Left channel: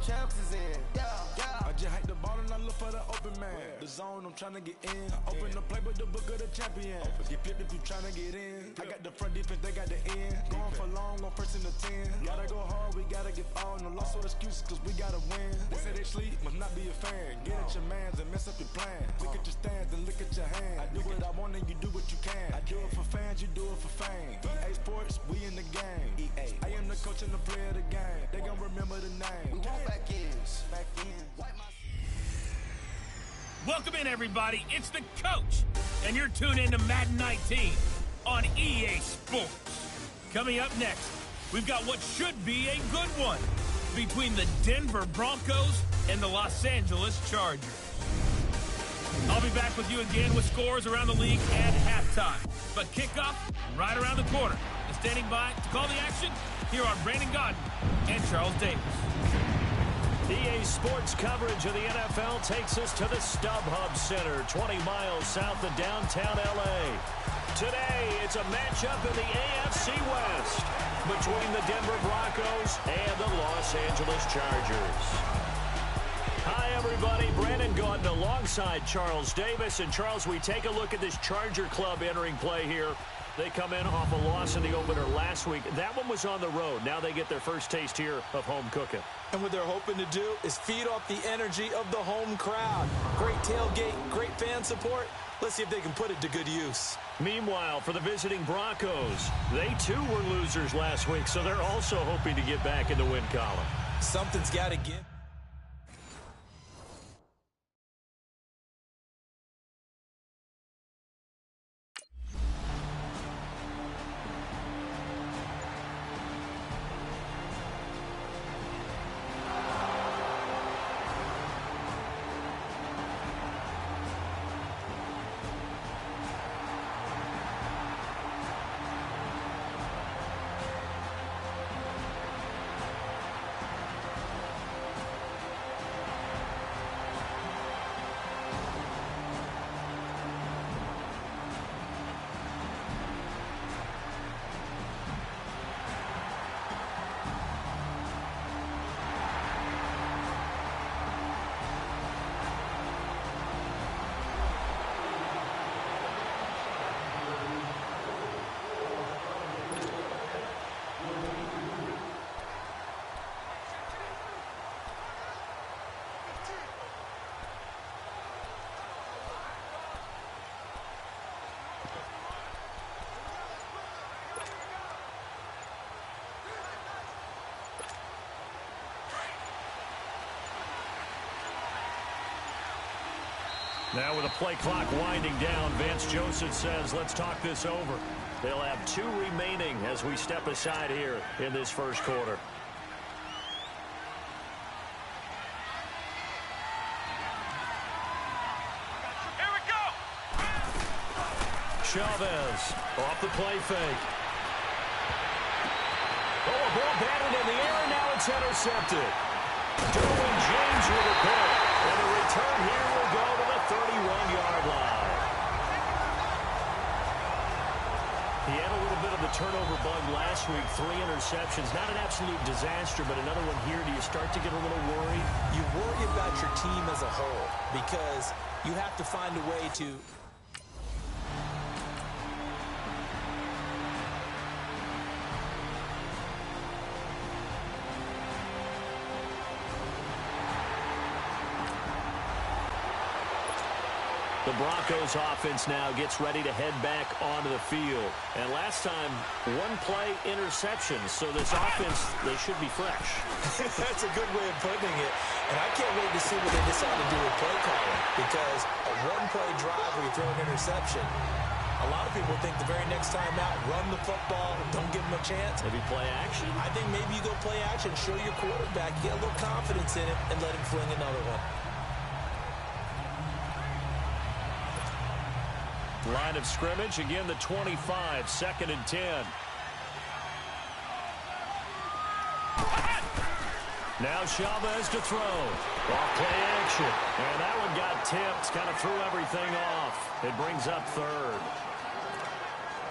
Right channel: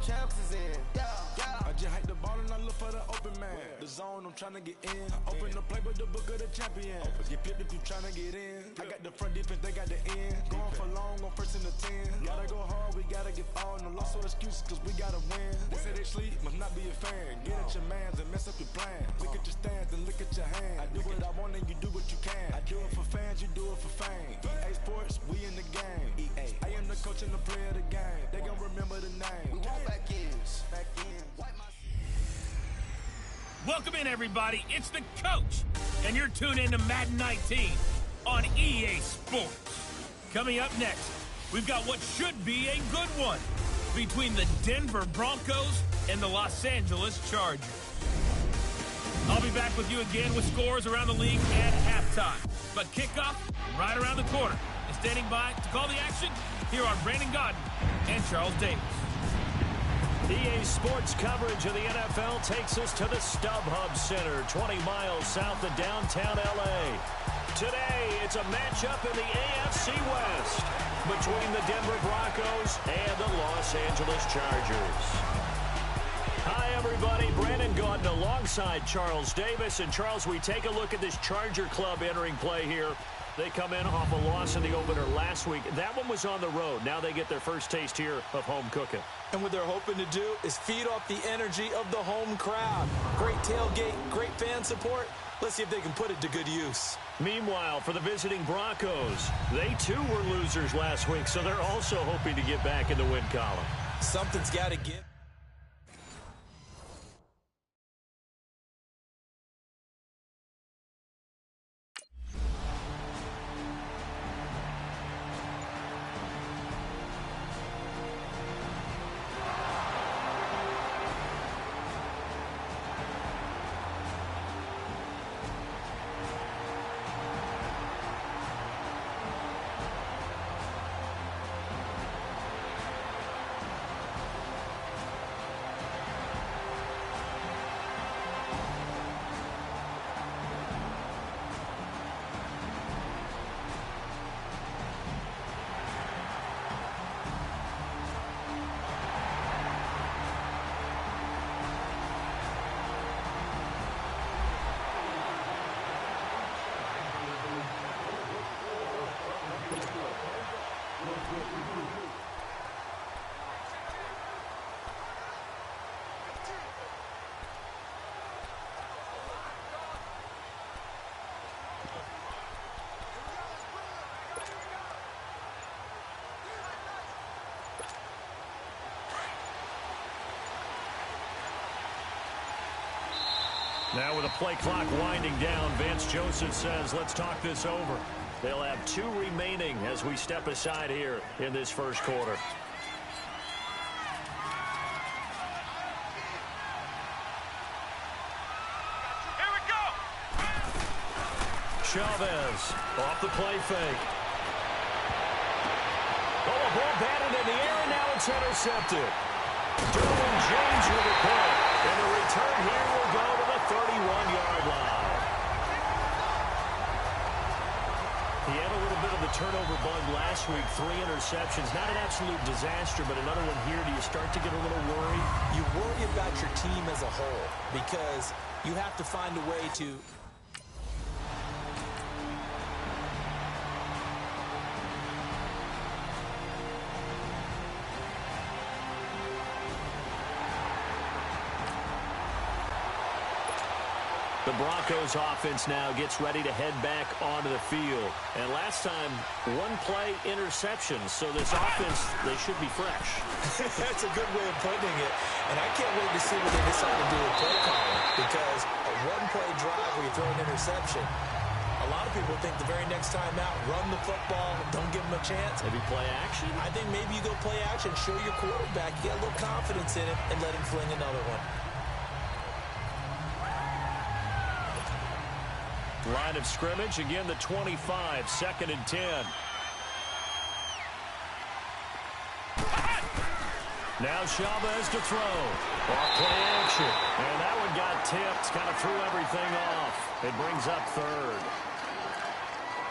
champs is in. I just hike the ball and I look for the open man. The zone, I'm trying to get in. Open the playbook, the book of the champion. Get flipped if you trying to get in. I got the front defense, they got the end. Going for long, on first and the 10. Gotta go hard, we gotta get all. No loss or excuses, cause we gotta win. They say they sleep, must not be a fan. Get at your mans and mess up your plan. Look at your stands and look at your hand. I do what I want and you do what you can. I do it for fans, you do it for fame. EA Sports, we in the game. EA. I am the coach and the player of the game. They gon' remember the name. We want back ends. Back ends. Welcome in, everybody. It's the coach, and you're tuned in to Madden 19 on EA Sports. Coming up next, we've got what should be a good one between the Denver Broncos and the Los Angeles Chargers. I'll be back with you again with scores around the league at halftime. But kickoff right around the corner. And standing by to call the action, here are Brandon Godden and Charles Davis. EA Sports coverage of the NFL takes us to the StubHub Center, 20 miles south of downtown L.A. Today, it's a matchup in the AFC West between the Denver Broncos and the Los Angeles Chargers. Hi, everybody. Brandon Gaudin alongside Charles Davis. And, Charles, we take a look at this Charger club entering play here. They come in off a loss in the opener last week. That one was on the road. Now they get their first taste here of home cooking. And what they're hoping to do is feed off the energy of the home crowd. Great tailgate, great fan support. Let's see if they can put it to good use. Meanwhile, for the visiting Broncos, they too were losers last week, so they're also hoping to get back in the win column. Something's got to give. Now with the play clock winding down, Vance Joseph says, let's talk this over. They'll have 2 remaining as we step aside here in this first quarter. Here we go! Chavez off the play fake. Oh, a ball batted in the air, and now it's intercepted. Derwin James with a pick. And the return here will go to the 31-yard line. He had a little bit of the turnover bug last week, 3 interceptions. Not an absolute disaster, but another one here. Do you start to get a little worried? You worry about your team as a whole because you have to find a way to... The Broncos offense now gets ready to head back onto the field. And last time, 1-play interception. So this offense, they should be fresh. That's a good way of putting it. And I can't wait to see what they decide to do with play calling. Because a 1-play drive where you throw an interception, a lot of people think the very next time out, run the football, don't give them a chance. Maybe play action? I think maybe you go play action, show your quarterback, you get a little confidence in it, and let him fling another one. Line of scrimmage, again the 25, 2nd and 10. Now Chavez to throw. Off play action. And that one got tipped, kind of threw everything off. It brings up 3rd.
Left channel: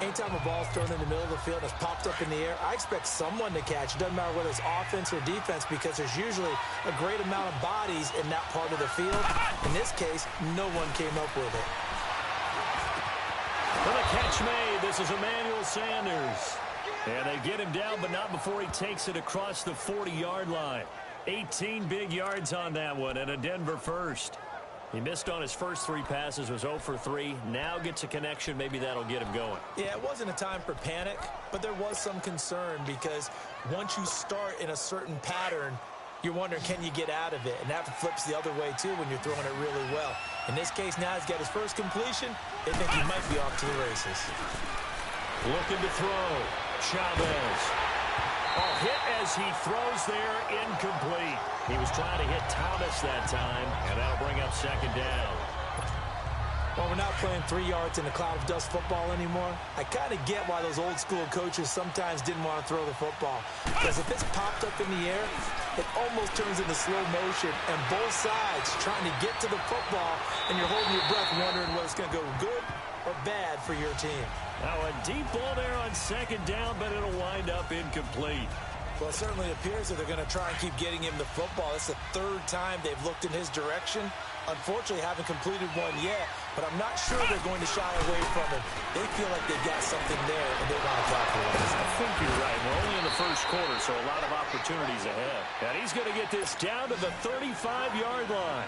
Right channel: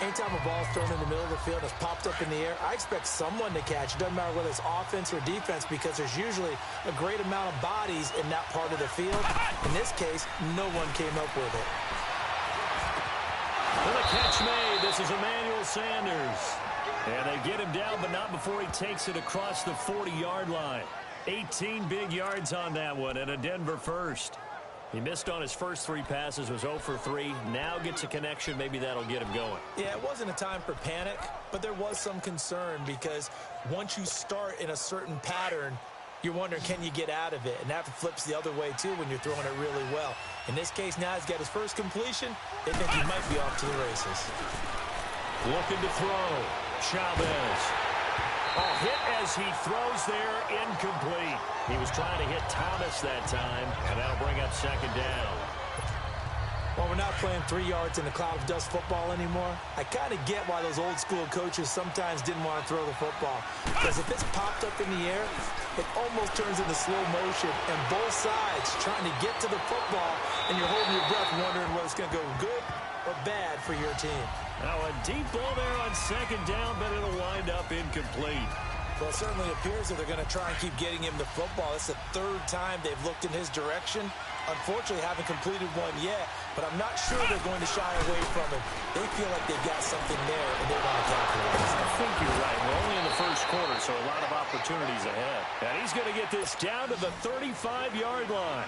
Anytime a ball's thrown in the middle of the field and it's popped up in the air, I expect someone to catch. It doesn't matter whether it's offense or defense because there's usually a great amount of bodies in that part of the field. In this case, no one came up with it. For the catch made, this is Emmanuel Sanders. And they get him down, but not before he takes it across the 40-yard line. 18 big yards on that one, and a Denver first. He missed on his first 3 passes, was 0 for 3. Now gets a connection. Maybe that'll get him going. Yeah, it wasn't a time for panic, but there was some concern because once you start in a certain pattern, you're wondering, can you get out of it? And that flips the other way, too, when you're throwing it really well. In this case, now he's got his first completion. They think he might be off to the races. Looking to throw. Chavez. Oh, hit as he throws there, incomplete. He was trying to hit Thomas that time, and that'll bring up second down. Well, we're not playing 3 yards in a cloud of dust football anymore. I kind of get why those old school coaches sometimes didn't want to throw the football. Because if it's popped up in the air, it almost turns into slow motion, and both sides trying to get to the football, and you're holding your breath wondering whether it's going to go good or bad for your team. Now a deep ball there on second down, but it'll wind up incomplete. Well, it certainly appears that they're going to try and keep getting him the football. It's the 3rd time they've looked in his direction. Unfortunately, haven't completed one yet, but I'm not sure they're going to shy away from him. They feel like they've got something there, and they want to capitalize. I think you're right. We're only in the first quarter, so a lot of opportunities ahead. And he's going to get this down to the 35-yard line.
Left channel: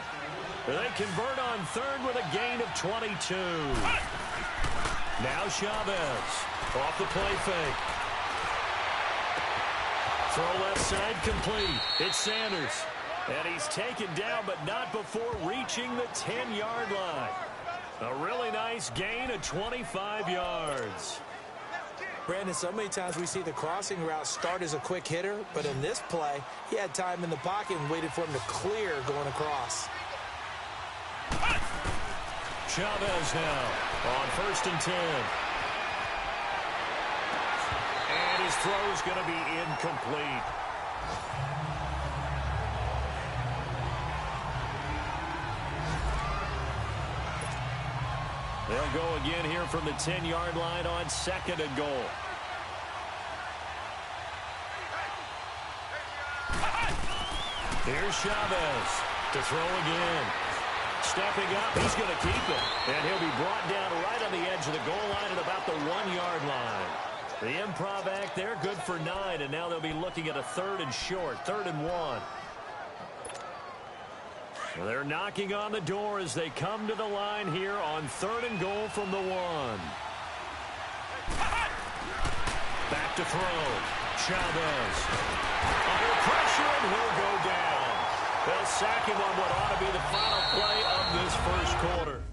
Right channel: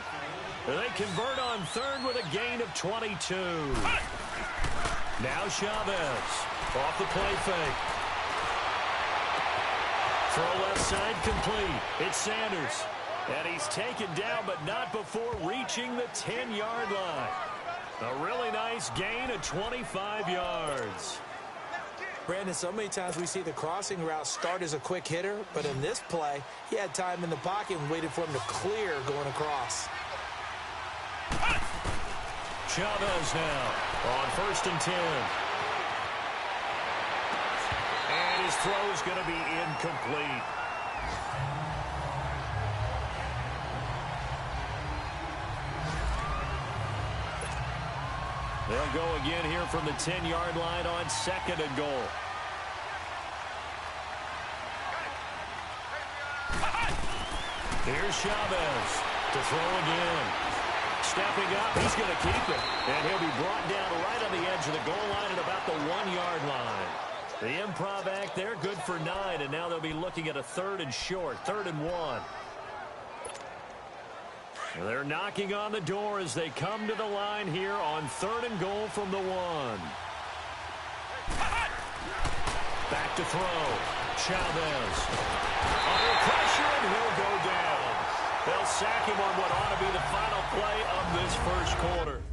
They convert on 3rd with a gain of 22. Now Chavez off the play fake. Throw left side complete. It's Sanders. And he's taken down, but not before reaching the 10-yard line. A really nice gain of 25 yards. Brandon, so many times we see the crossing route start as a quick hitter, but in this play, he had time in the pocket and waited for him to clear going across. Chavez now on 1st and 10. And his throw's going to be incomplete. They'll go again here from the 10-yard line on 2nd and goal. Here's Chavez to throw again. Stepping up, he's going to keep it. And he'll be brought down right on the edge of the goal line at about the 1-yard line. The improv act there, good for 9, and now they'll be looking at a 3rd and short, 3rd and 1. They're knocking on the door as they come to the line here on 3rd and goal from the 1. Back to throw. Chavez. Under pressure, and he'll go down. They'll sack him on what ought to be the final play of this first quarter.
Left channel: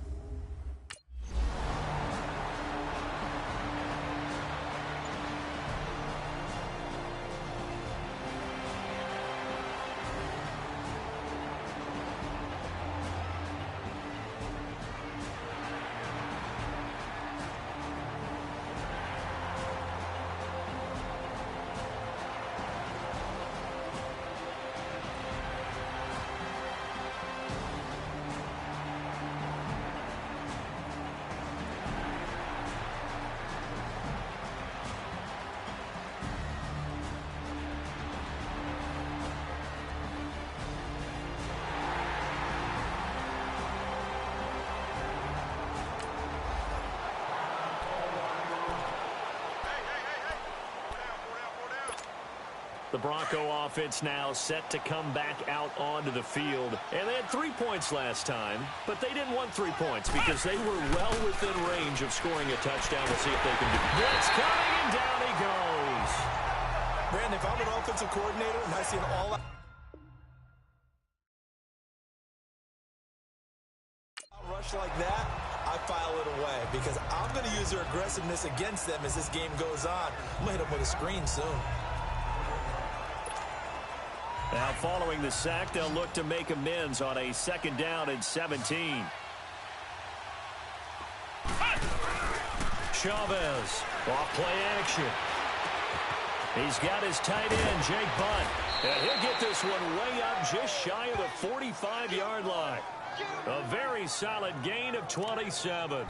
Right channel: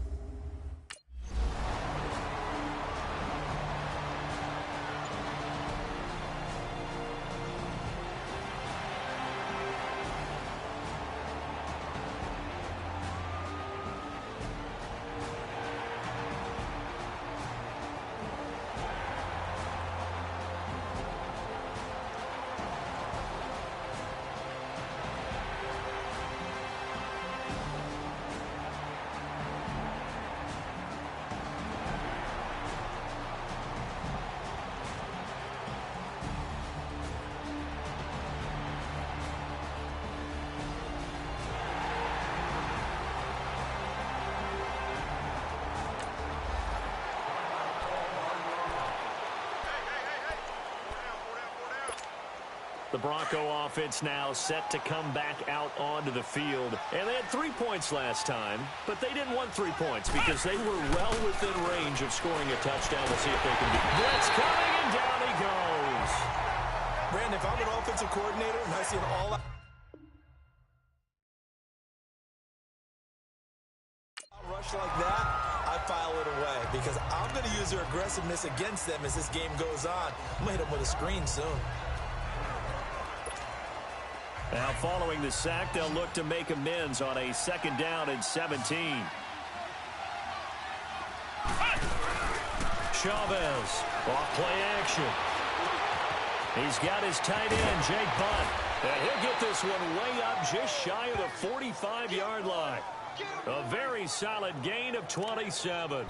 The Bronco offense now set to come back out onto the field. And they had 3 points last time, but they didn't want 3 points because they were well within range of scoring a touchdown. We'll see if they can do it. Blitz coming, and down he goes. Brandon, if I'm an offensive coordinator and I see an all-out rush like that, I file it away because I'm going to use their aggressiveness against them as this game goes on. I'm going to hit them with a screen soon. Now following the sack, they'll look to make amends on a 2nd down and 17. Chavez, off play action. He's got his tight end, Jake Bunt. And he'll get this one way up just shy of the 45-yard line. A very solid gain of 27.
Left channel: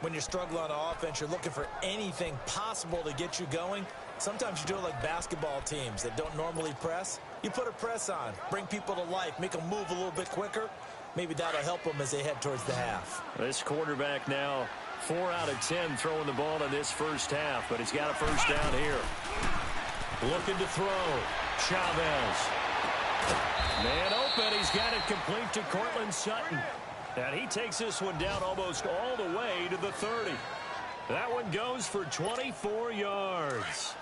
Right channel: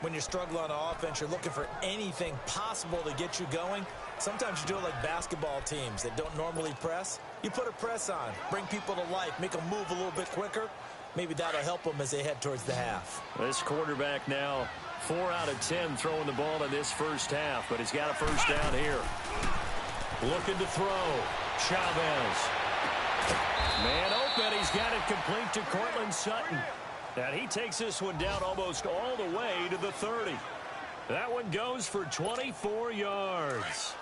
when you're struggling on offense, you're looking for anything possible to get you going. Sometimes you do it like basketball teams that don't normally press. You put a press on, bring people to life, make them move a little bit quicker. Maybe that'll help them as they head towards the half. This quarterback now 4 out of 10 throwing the ball in this first half, but he's got a first down here. Looking to throw. Chavez. Man open. He's got it complete to Cortland Sutton. And he takes this one down almost all the way to the 30. That one goes for 24 yards.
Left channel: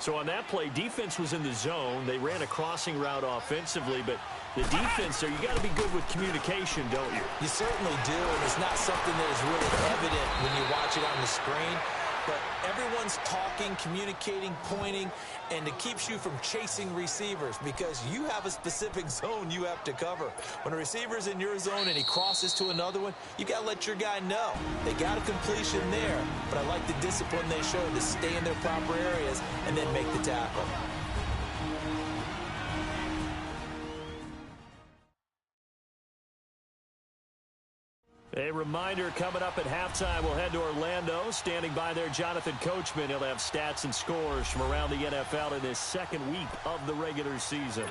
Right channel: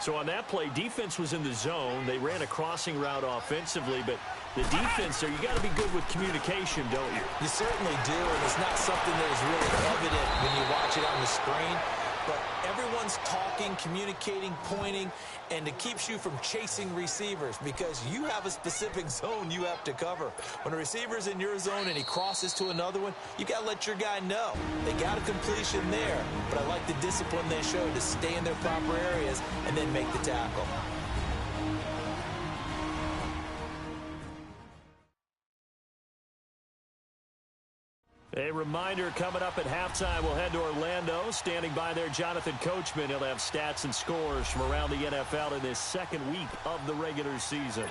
So on that play, defense was in the zone. They ran a crossing route offensively, but the defense there, you got to be good with communication, don't you? You certainly do, and it's not something that is really evident when you watch it on the screen. But everyone's talking, communicating, pointing, and it keeps you from chasing receivers because you have a specific zone you have to cover. When a receiver's in your zone and he crosses to another one, you got to let your guy know. They got a completion there, but I like the discipline they showed to stay in their proper areas and then make the tackle. A reminder coming up at halftime, we'll head to Orlando. Standing by there, Jonathan Coachman. He'll have stats and scores from around the NFL in this second week of the regular season.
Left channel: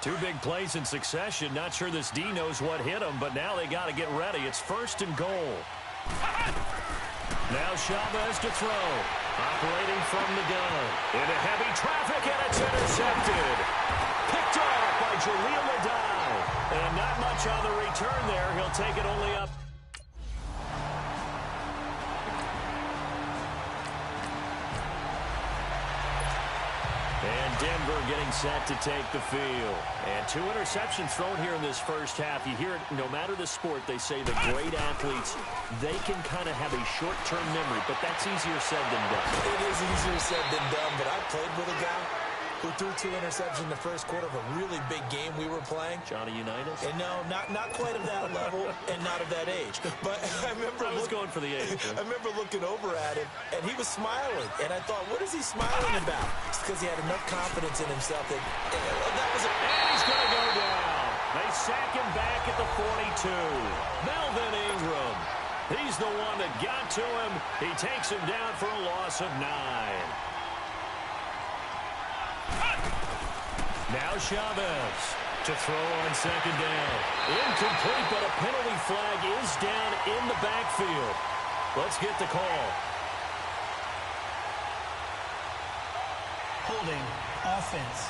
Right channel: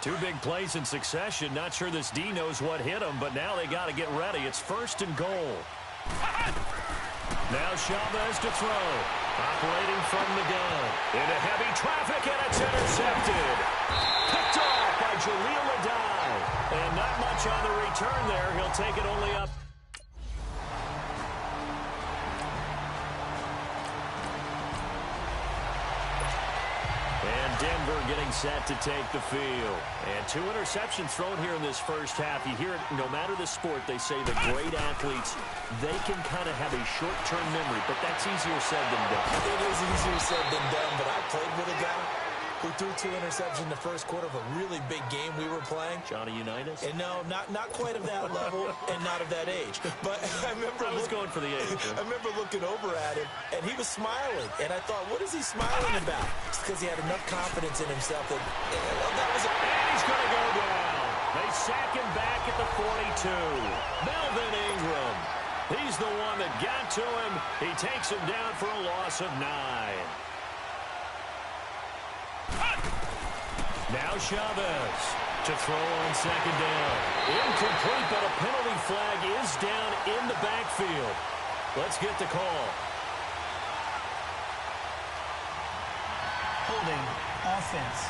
2 big plays in succession. Not sure this D knows what hit him, but now they got to get ready. It's 1st and goal. Now Chavez to throw. Operating from the gun. Into heavy traffic, and it's intercepted. Picked off by Jaleel Adai. And not much on the return there. He'll take it only up. And Denver getting set to take the field. And 2 interceptions thrown here in this first half. You hear it, no matter the sport, they say the great athletes, they can kind of have a short-term memory, but that's easier said than done. It is easier said than done, but I played with a guy who threw 2 interceptions in the first quarter of a really big game we were playing. Johnny Unitas? And no, not quite of that level and not of that age. But I remember I was going for the age. I remember looking over at him, and he was smiling. And I thought, what is he smiling about? It's because he had enough confidence in himself that was a... And he's going to go down. They sack him back at the 42. Melvin Ingram. He's the one that got to him. He takes him down for a loss of 9. Now Chavez to throw on 2nd down. Incomplete, but a penalty flag is down in the backfield. Let's get the call. Holding offense.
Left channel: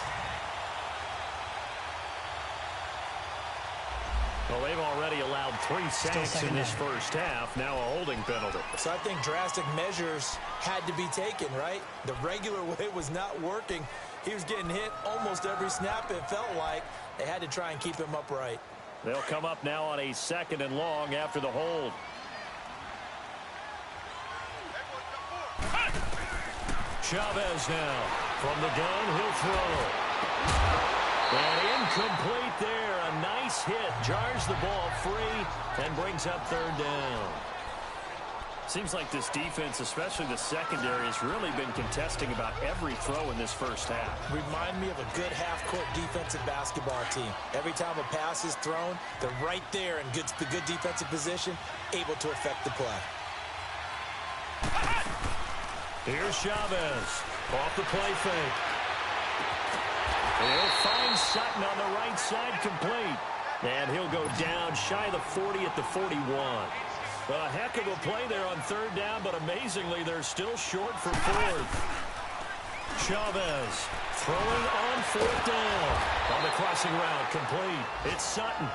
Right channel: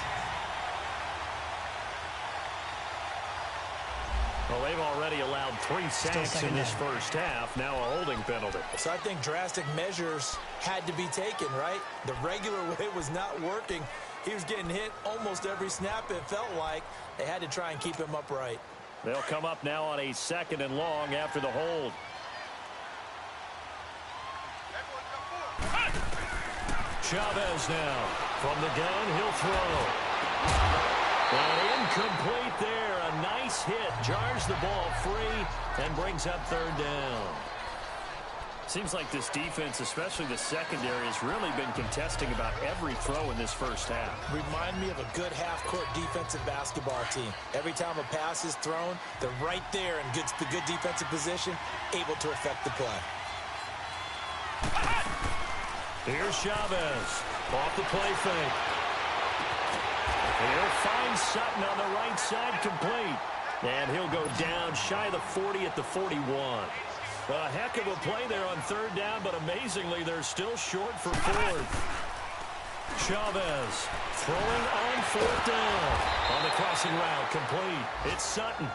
Well, they've already allowed 3 sacks in this first half. Now a holding penalty. So I think drastic measures had to be taken, right? The regular way was not working. He was getting hit almost every snap, it felt like. They had to try and keep him upright. They'll come up now on a 2nd and long after the hold. Chavez now. From the gun, he'll throw. And incomplete there. A nice hit. Jars the ball free and brings up 3rd down. Seems like this defense, especially the secondary, has really been contesting about every throw in this first half. Remind me of a good half-court defensive basketball team. Every time a pass is thrown, they're right there in the good defensive position, able to affect the play. Here's Chavez off the play fake. And he'll find Sutton on the right side complete. And he'll go down shy of the 40 at the 41. A heck of a play there on 3rd down, but amazingly, they're still short for 4th. Chavez throwing on 4th down. On the crossing route, complete. It's Sutton.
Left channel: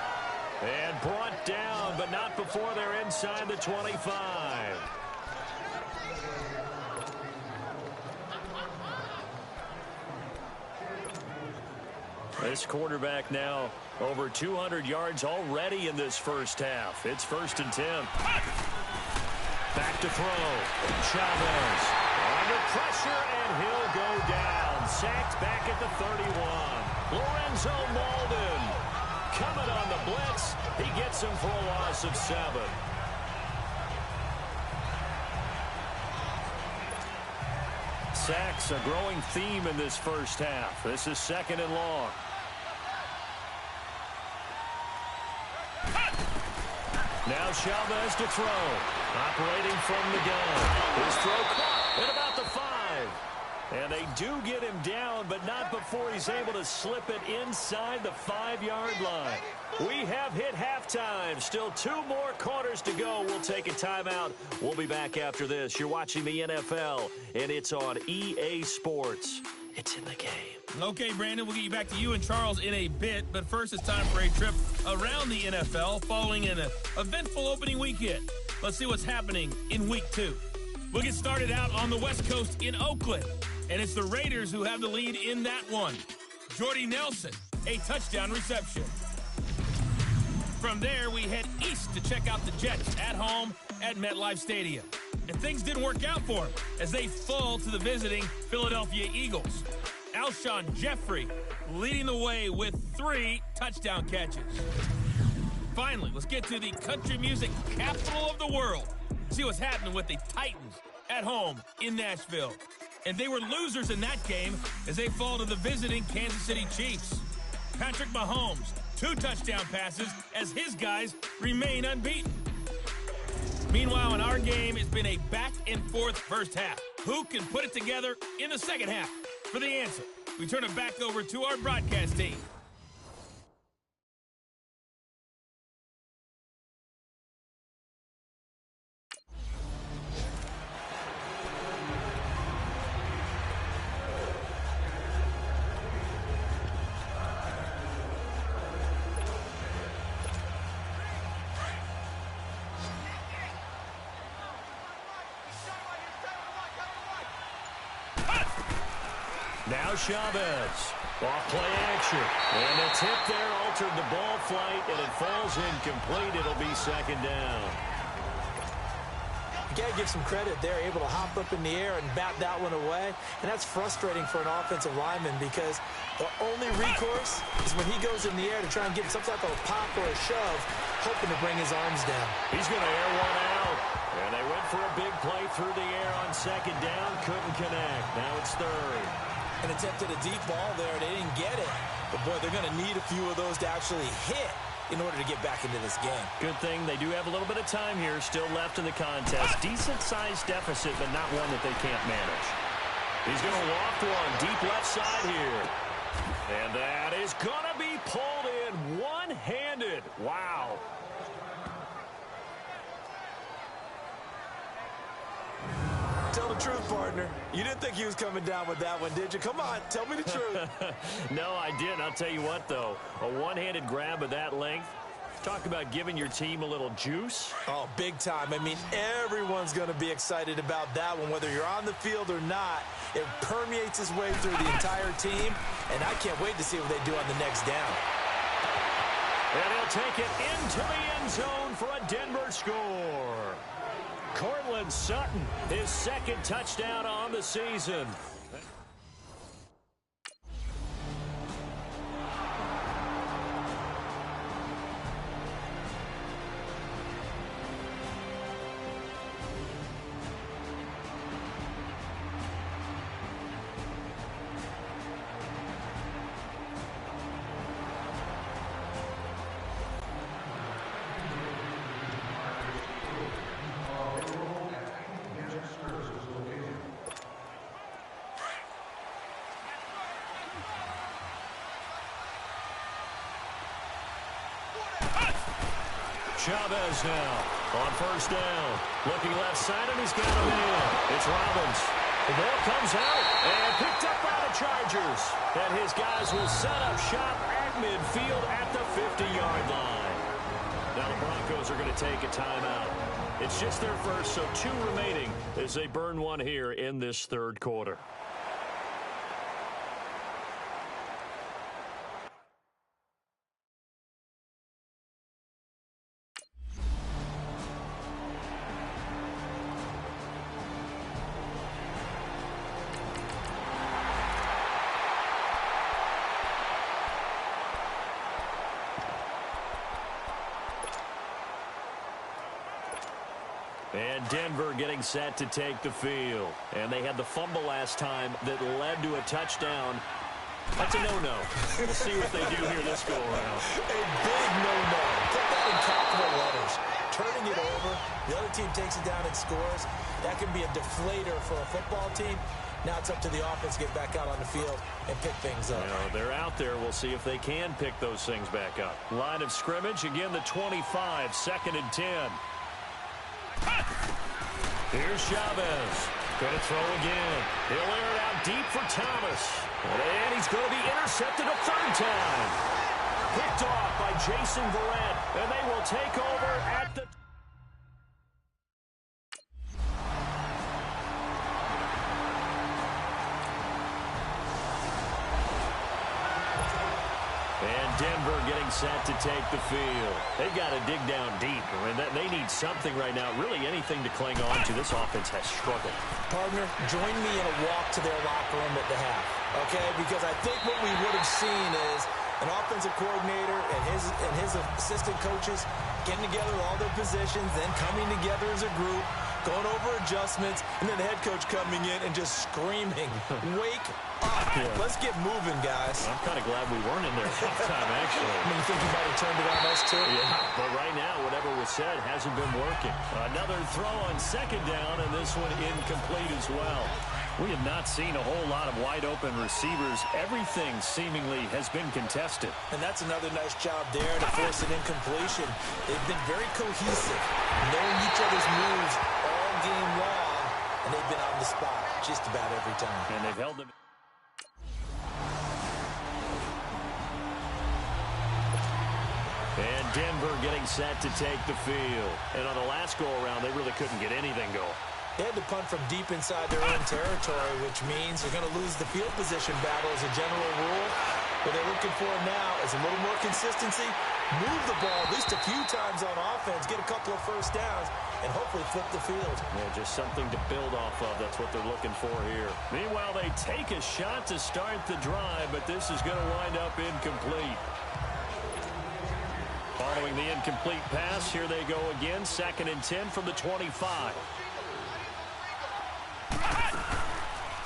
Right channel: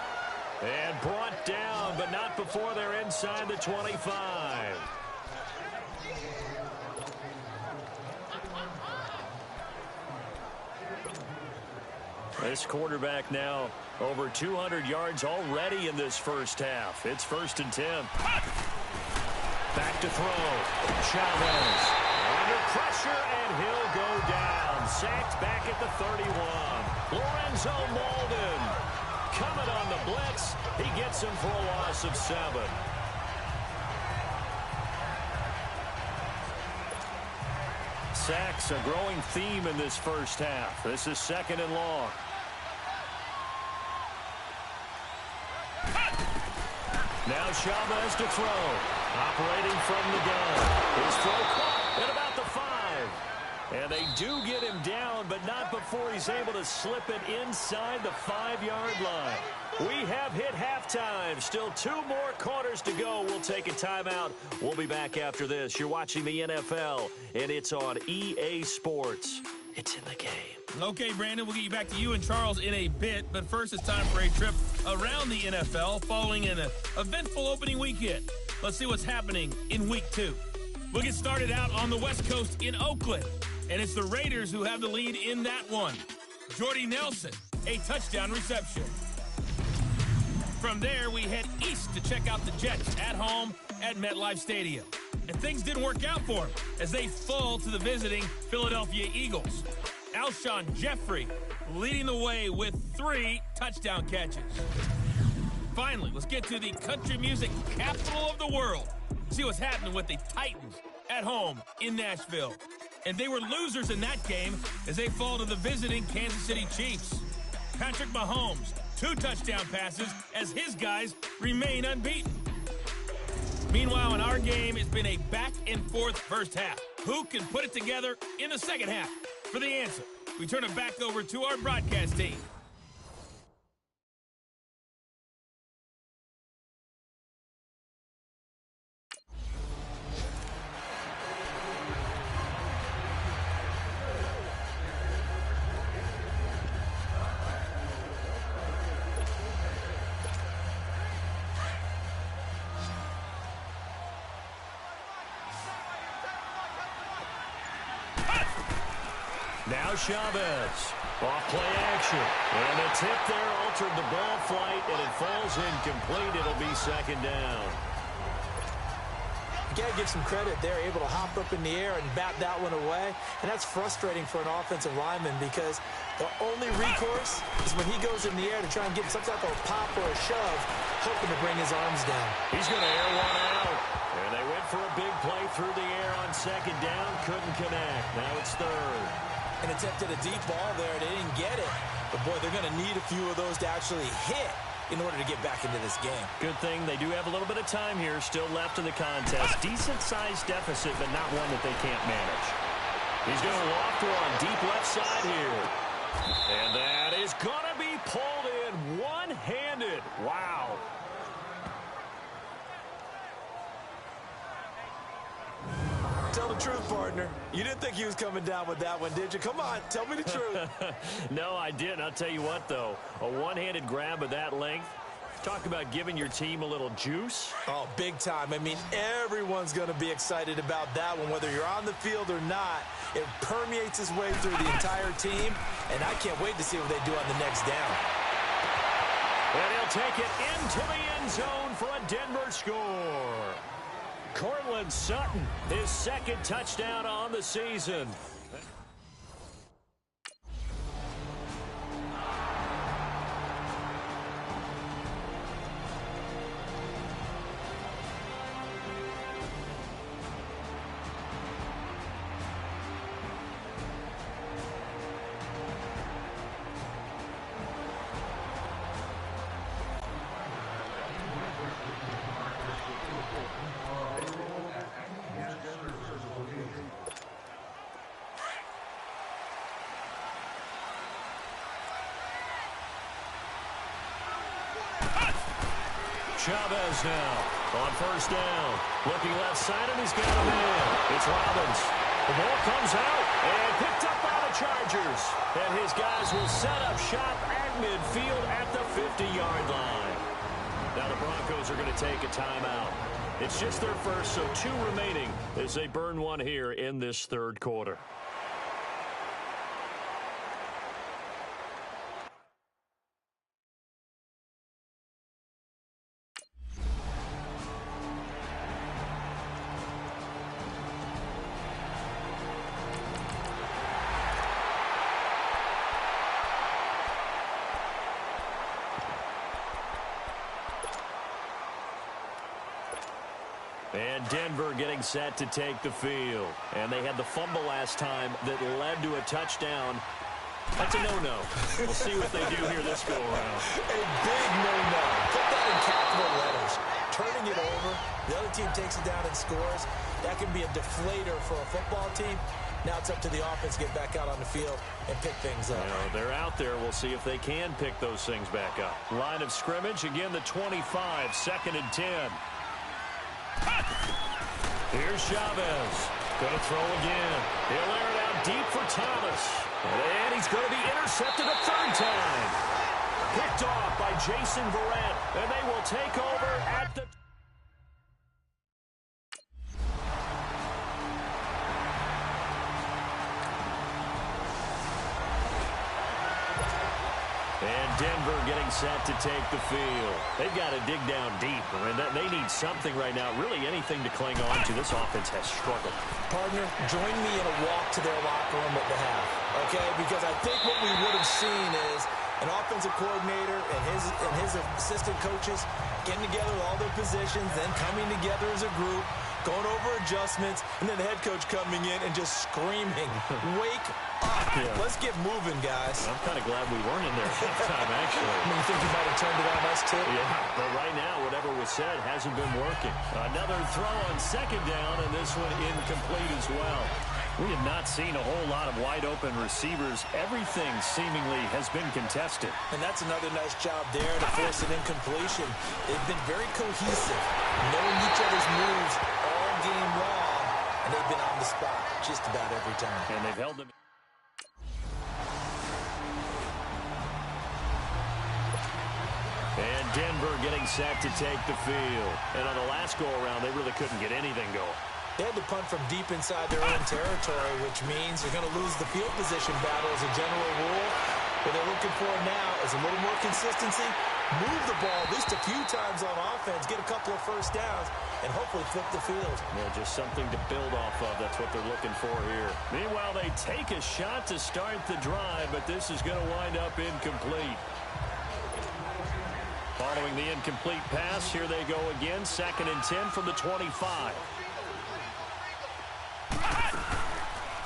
And brought down, but not before they're inside the 25. This quarterback now over 200 yards already in this first half. It's 1st and 10. Back to throw. Chavez under pressure, and he'll go down. Sacked back at the 31. Lorenzo Malden coming on the blitz. He gets him for a loss of 7. Sacks, a growing theme in this first half. This is 2nd and long. Now Chavez to throw. Operating from the gun. His throw caught at about the 5. And they do get him down, but not before he's able to slip it inside the 5-yard line. We have hit halftime. Still 2 more quarters to go. We'll take a timeout. We'll be back after this. You're watching the NFL, and it's on EA Sports. It's in the game. Okay, Brandon, we'll get you back to you and Charles in a bit. But first, it's time for a trip around the NFL following an eventful opening weekend. Let's see what's happening in Week 2. We'll get started out on the West Coast in Oakland. And it's the Raiders who have the lead in that one. Jordy Nelson, a touchdown reception. From there, we head east to check out the Jets at home at MetLife Stadium. And things didn't work out for them as they fall to the visiting Philadelphia Eagles. Alshon Jeffrey leading the way with 3 touchdown catches. Finally, let's get to the country music capital of the world. See what's happening with the Titans at home in Nashville. And they were losers in that game as they fall to the visiting Kansas City Chiefs. Patrick Mahomes, 2 touchdown passes as his guys remain unbeaten. Meanwhile, in our game, it's been a back-and-forth first half. Who can put it together in the second half? For the answer, we turn it back over to our broadcast team. Now Chavez. Off play action. And the tip there altered the ball flight, and it falls incomplete. It'll be second down. You got to give some credit. They're able to hop up in the air and bat that one away. And that's frustrating for an offensive lineman because the only recourse is when he goes in the air to try and get some type of a pop or a shove, hoping to bring his arms down. He's going to air one out. And they went for a big play through the air on second down. Couldn't connect. Now it's third. And attempted a deep ball there. They didn't get it. But, boy, they're going to need a few of those to actually hit in order to get back into this game. Good thing they do have a little bit of time here still left in the contest. Decent-sized deficit, but not one that they can't manage. He's going to loft one deep left side here. And that is going to be pulled in one-handed. Wow. Tell the truth, partner. You didn't think he was coming down with that one, did you? Come on, tell me the truth. No, I didn't. I'll tell you what, though. A one-handed grab of that length. Talk about giving your team a little juice. Oh, big time. I mean, everyone's going to be excited about that one, whether you're on the field or not. It permeates its way through the entire team, and I can't wait to see what they do on the next down. And he'll take it into the end zone for a Denver score. Cortland Sutton, his second touchdown on the season. Chavez now on first down. Looking left side, and he's got a man. It's Robbins. The ball comes out and picked up by the Chargers. And his guys will set up shop at midfield at the 50-yard line. Now the Broncos are going to take a timeout. It's just their first, so 2 remaining as they burn one here in this third quarter. And Denver getting set to take the field. And they had the fumble last time that led to a touchdown. That's a no-no. We'll see what they do here this go-around. A big no-no. Put that in capital letters. Turning it over, the other team takes it down and scores. That can be a deflator for a football team. Now it's up to the offense to get back out on the field and pick things up. You know, they're out there. We'll see if they can pick those things back up. Line of scrimmage, again, the 25, 2nd and 10. Here's Chavez. Going to throw again. He'll air it out deep for Thomas. And he's going to be intercepted a 3rd time. Picked off by Jason Verrett. And they will take over at the... And Denver getting set to take the field. They've got to dig down deep. I mean, they need something right now, really anything to cling on to. This offense has struggled. Partner, join me in a walk to their locker room at the half, okay? Because I think what we would have seen is an offensive coordinator and his assistant coaches getting together with all their positions, then coming together as a group, going over adjustments, and then the head coach coming in and just screaming, wake up. Yeah. Let's get moving, guys. I'm kind of glad we weren't in there at halftime, actually. I mean, you think you might have turned it on us, too? Yeah, but right now, whatever was said hasn't been working. Another throw on 2nd down, and this one incomplete as well. We have not seen a whole lot of wide-open receivers. Everything seemingly has been contested. And that's another nice job there to force an incompletion. They've been very cohesive, knowing each other's moves all game long, and they've been on the spot just about every time. And they've held them. And Denver getting set to take the field. And on the last go-around, they really couldn't get anything going. They had to punt from deep inside their own territory, which means they're going to lose the field position battle as a general rule. What they're looking for now is a little more consistency, move the ball at least a few times on offense, get a couple of first downs, and hopefully flip the field. Yeah, just something to build off of. That's what they're looking for here. Meanwhile, they take a shot to start the drive, but this is going to wind up incomplete. Following the incomplete pass, here they go again, 2nd and 10 from the 25.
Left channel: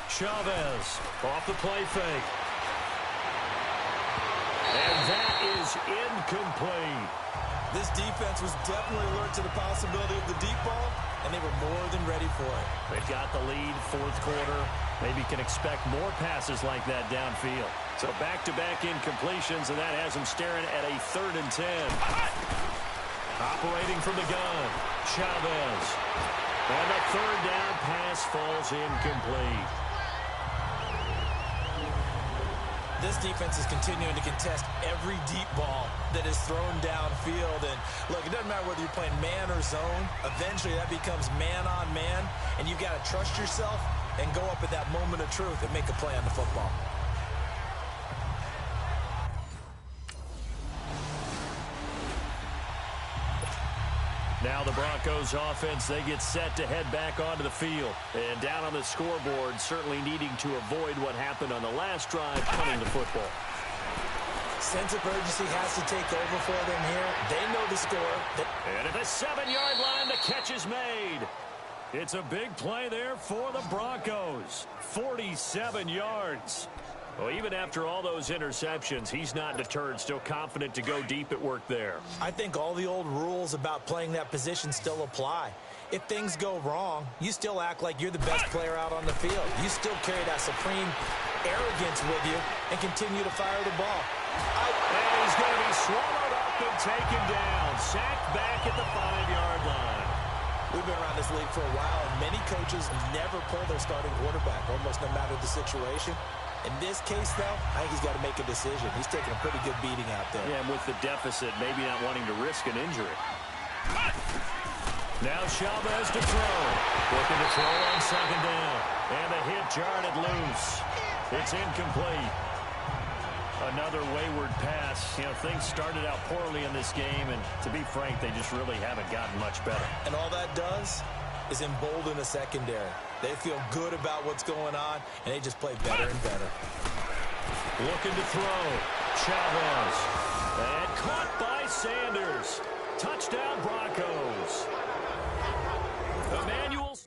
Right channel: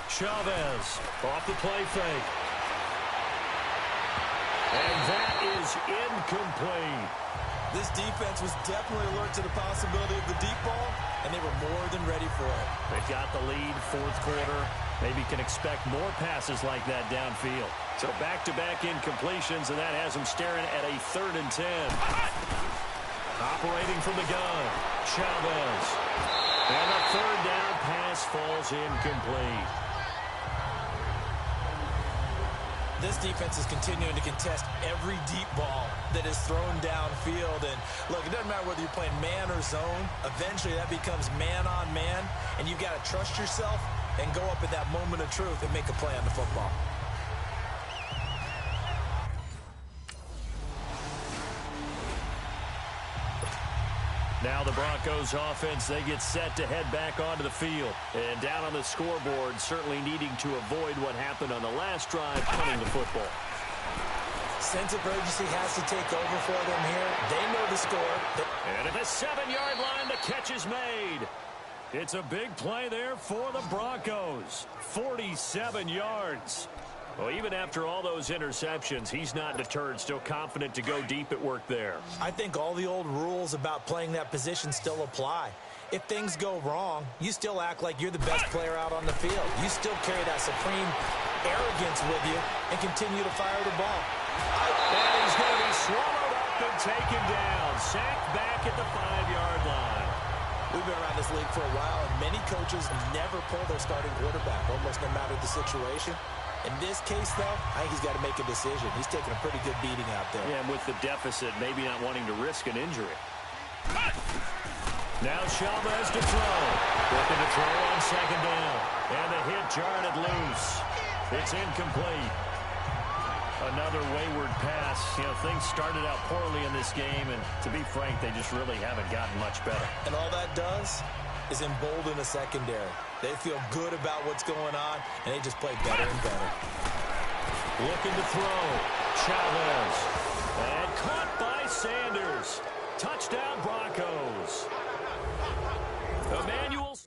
Chavez off the play fake. And that is incomplete. This defense was definitely alert to the possibility of the deep ball, and they were more than ready for it. They've got the lead, 4th quarter. Maybe can expect more passes like that downfield. So back-to-back incompletions, and that has them staring at a 3rd and 10. Operating from the gun, Chavez. And the 3rd down pass falls incomplete. This defense is continuing to contest every deep ball that is thrown downfield. And look, it doesn't matter whether you're playing man or zone. Eventually that becomes man on man, and you've got to trust yourself and go up at that moment of truth and make a play on the football. Now the Broncos offense, they get set to head back onto the field. And down on the scoreboard, certainly needing to avoid what happened on the last drive, punting the football. Sense of urgency has to take over for them here. They know the score. And at the 7-yard line, the catch is made. It's a big play there for the Broncos. 47 yards. Well, even after all those interceptions, he's not deterred, still confident to go deep at work there. I think all the old rules about playing that position still apply. If things go wrong, you still act like you're the best player out on the field. You still carry that supreme arrogance with you and continue to fire the ball. And he's going to be swallowed up and taken down. Sacked back at the 5-yard line. We've been around this league for a while, and many coaches never pull their starting quarterback, almost no matter the situation. In this case, though, I think he's got to make a decision. He's taking a pretty good beating out there. Yeah, and with the deficit, maybe not wanting to risk an injury. Now Chavez to throw. Looking to throw on 2nd down. And the hit jarred it loose. It's incomplete. Another wayward pass. You know, things started out poorly in this game, and to be frank, they just really haven't gotten much better. And all that does is embolden a secondary. They feel good about what's going on, and they just play better and better. Looking to throw. Chavez. And caught by Sanders. Touchdown, Broncos. Emmanuel.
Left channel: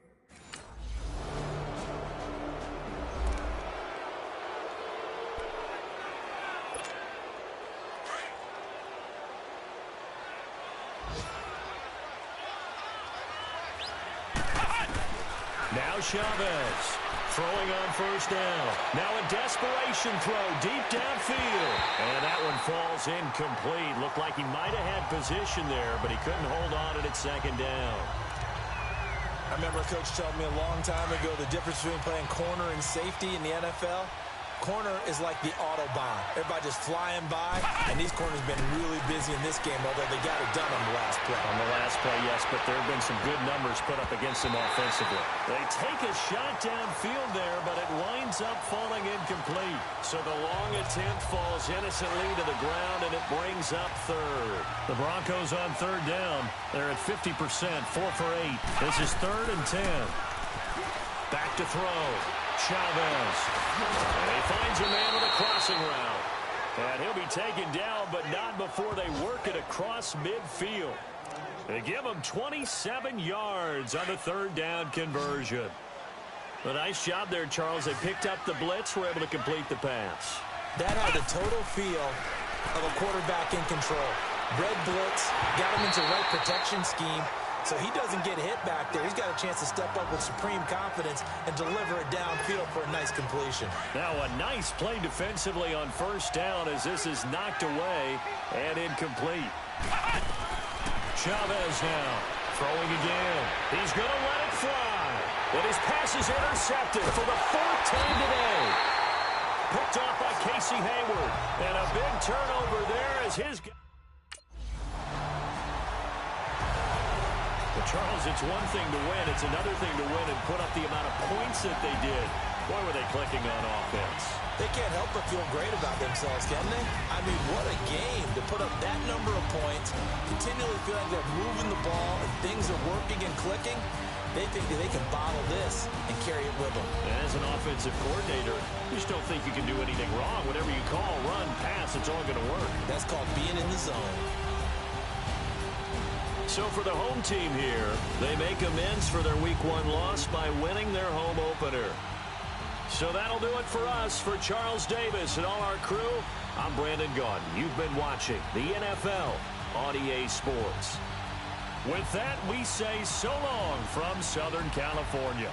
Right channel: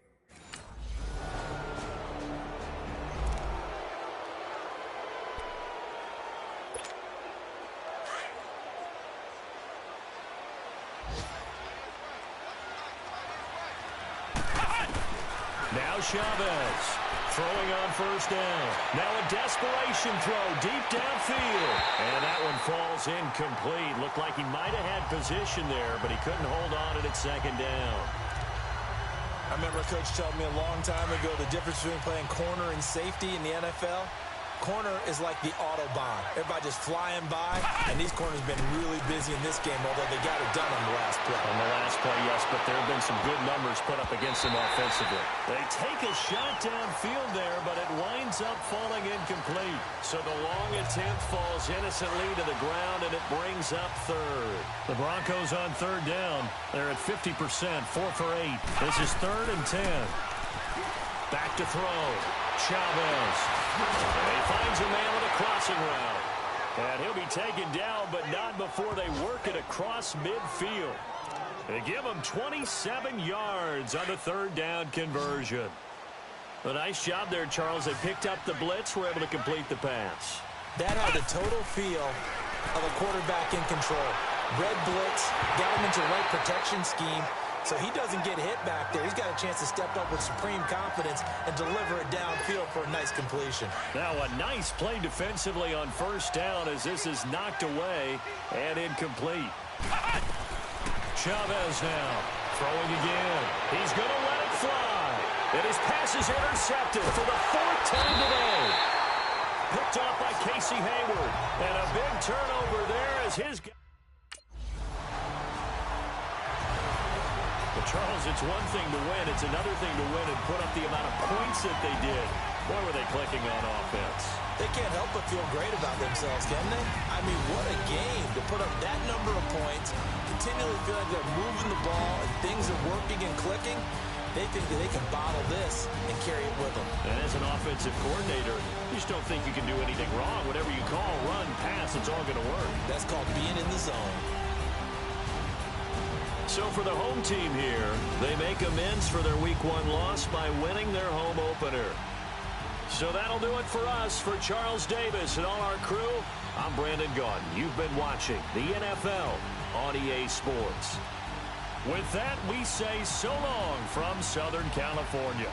Now Chavez throwing on first down. Now a desperation throw deep downfield. And that one falls incomplete. Looked like he might have had position there, but he couldn't hold on at second down. I remember a coach told me a long time ago the difference between playing corner and safety in the NFL. Corner is like the Autobahn. Everybody just flying by, and these corners have been really busy in this game, although they got it done on the last play. On the last play, yes, but there have been some good numbers put up against them offensively. They take a shot downfield there, but it winds up falling incomplete. So the long attempt falls innocently to the ground, and it brings up third. The Broncos on third down. They're at 50%, 4 for 8. This is 3rd and 10. Back to throw. Chavez. And he finds a man with a crossing route. And he'll be taken down, but not before they work it across midfield. They give him 27 yards on the 3rd down conversion. A nice job there, Charles. They picked up the blitz, were able to complete the pass. That had the total feel of a quarterback in control. Red blitz, got him into the right protection scheme, so he doesn't get hit back there. He's got a chance to step up with supreme confidence and deliver it downfield for a nice completion. Now a nice play defensively on first down as this is knocked away and incomplete. Chavez now throwing again. He's going to let it fly. And his pass is intercepted for the 4th time today. Picked off by Casey Hayward. And a big turnover there as his... But Charles, it's one thing to win. It's another thing to win and put up the amount of points that they did. Boy, were they clicking on offense. They can't help but feel great about themselves, can they? I mean, what a game to put up that number of points, continually feel like they're moving the ball and things are working and clicking. They think that they can bottle this and carry it with them. And as an offensive coordinator, you just don't think you can do anything wrong. Whatever you call, run, pass, it's all going to work. That's called being in the zone. So for the home team here, they make amends for their Week 1 loss by winning their home opener. So that'll do it for us. For Charles Davis and all our crew, I'm Brandon Gaudin. You've been watching the NFL on EA Sports. With that, we say so long from Southern California.